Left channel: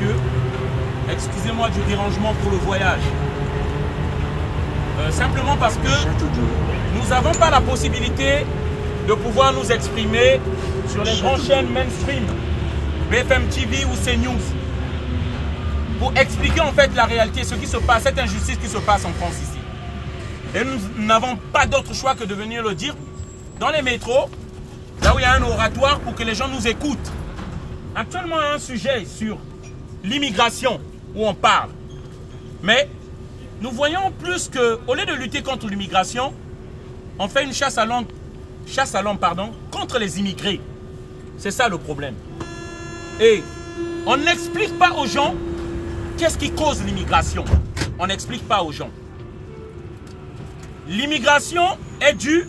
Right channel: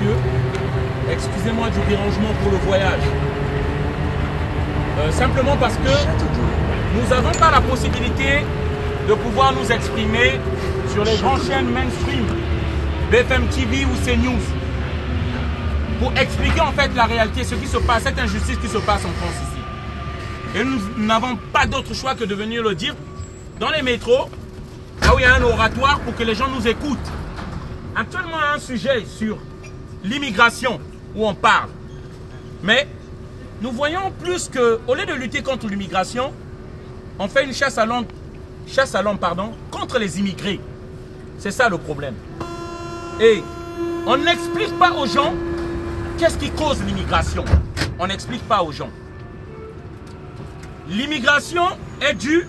messieurs, excusez-moi du dérangement pour le voyage. Simplement parce que nous n'avons pas la possibilité de pouvoir nous exprimer sur les grandes chaînes mainstream, BFM TV ou CNews, pour expliquer en fait la réalité, ce qui se passe, cette injustice qui se passe en France ici. Et nous n'avons pas d'autre choix que de venir le dire dans les métros, là où il y a un oratoire pour que les gens nous écoutent. Actuellement, il y a un sujet sur l'immigration où on parle. Mais nous voyons plus qu'au lieu de lutter contre l'immigration, on fait une chasse à l'homme contre les immigrés. C'est ça le problème. Et on n'explique pas aux gens qu'est-ce qui cause l'immigration. On n'explique pas aux gens. L'immigration est due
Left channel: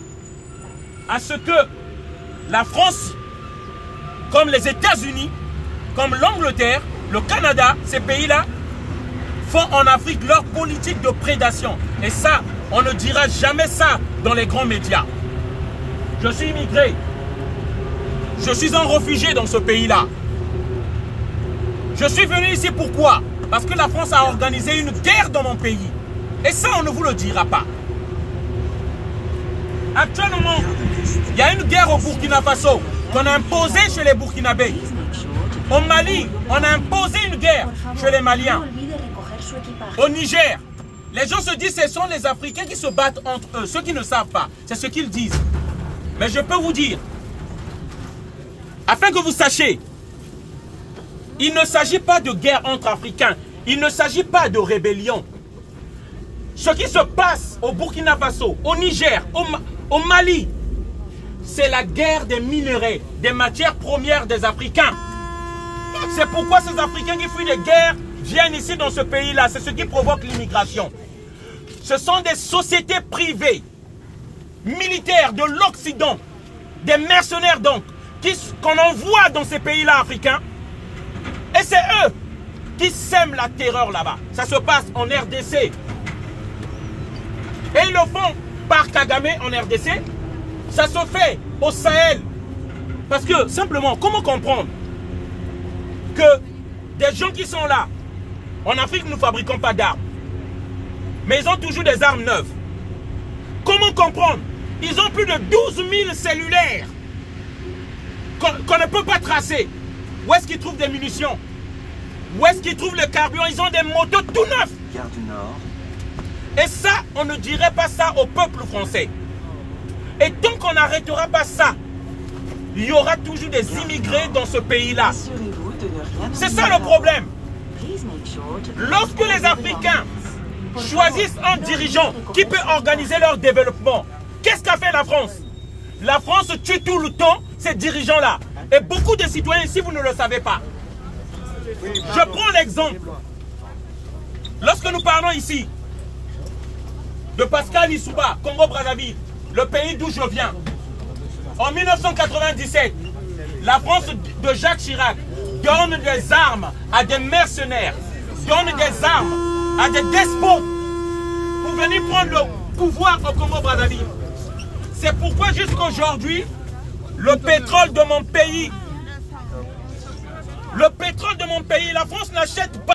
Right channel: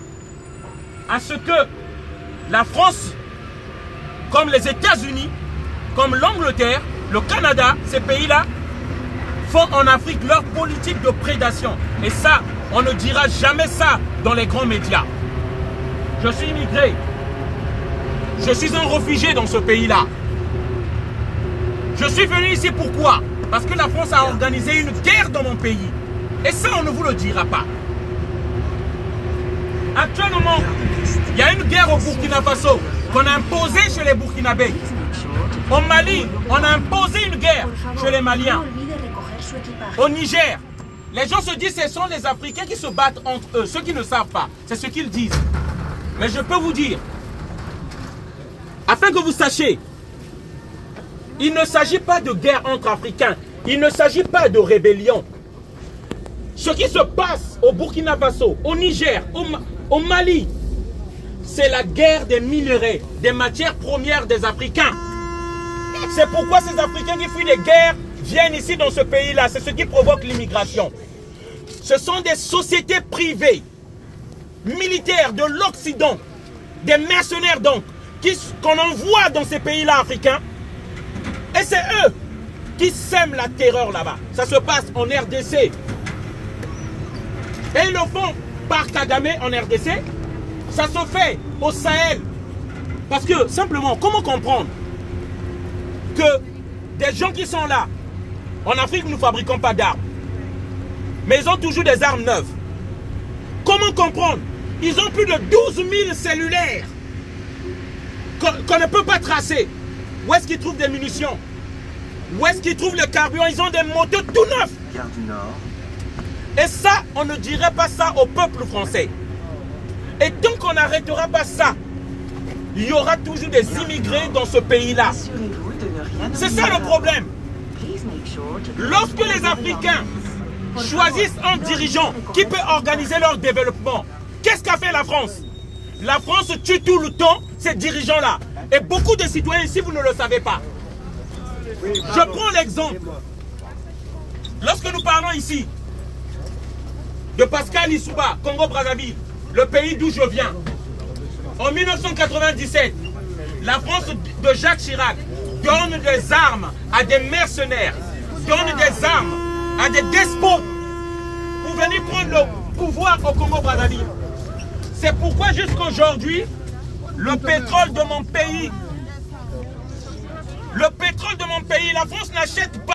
à ce que la France, comme les États-Unis, comme l'Angleterre, le Canada, ces pays-là, font en Afrique leur politique de prédation. Et ça, on ne dira jamais ça dans les grands médias. Je suis immigré. Je suis un réfugié dans ce pays-là. Je suis venu ici pourquoi? Parce que la France a organisé une guerre dans mon pays. Et ça, on ne vous le dira pas. Actuellement, il y a une guerre au Burkina Faso qu'on a imposée chez les Burkinabés. Au Mali, on a imposé une guerre chez les Maliens. Au Niger, les gens se disent que ce sont les Africains qui se battent entre eux. Ceux qui ne savent pas, c'est ce qu'ils disent. Mais je peux vous dire, afin que vous sachiez, il ne s'agit pas de guerre entre Africains. Il ne s'agit pas de rébellion. Ce qui se passe au Burkina Faso, au Niger, au Mali, c'est la guerre des minerais, des matières premières des Africains. C'est pourquoi ces Africains qui fuient les guerres viennent ici dans ce pays-là. C'est ce qui provoque l'immigration. Ce sont des sociétés privées, militaires de l'Occident, des mercenaires donc, qu'on envoie dans ces pays-là africains. Et c'est eux qui sèment la terreur là-bas. Ça se passe en RDC. Et ils le font par Kagame en RDC. Ça se fait au Sahel. Parce que, simplement, comment comprendre que des gens qui sont là, en Afrique, nous ne fabriquons pas d'armes. Mais ils ont toujours des armes neuves. Comment comprendre? Ils ont plus de 12 000 cellulaires qu'on ne peut pas tracer. Où est-ce qu'ils trouvent des munitions? Où est-ce qu'ils trouvent le carburant? Ils ont des motos tout neufs. Gare du Nord. Et ça, on ne dirait pas ça au peuple français. Et tant qu'on n'arrêtera pas ça, il y aura toujours des immigrés dans ce pays-là. C'est ça le problème. Lorsque les Africains choisissent un dirigeant qui peut organiser leur développement, qu'est-ce qu'a fait la France? La France tue tout le temps ces dirigeants-là. Et beaucoup de citoyens ici, vous ne le savez pas. Je prends l'exemple. Lorsque nous parlons ici de Pascal Lissouba, Congo-Brazzaville, le pays d'où je viens, en 1997, la France de Jacques Chirac donne des armes à des mercenaires, donne des armes à des despotes pour venir prendre le pouvoir au Congo-Brazzaville. C'est pourquoi jusqu'à aujourd'hui, le pétrole de mon pays, la France n'achète pas.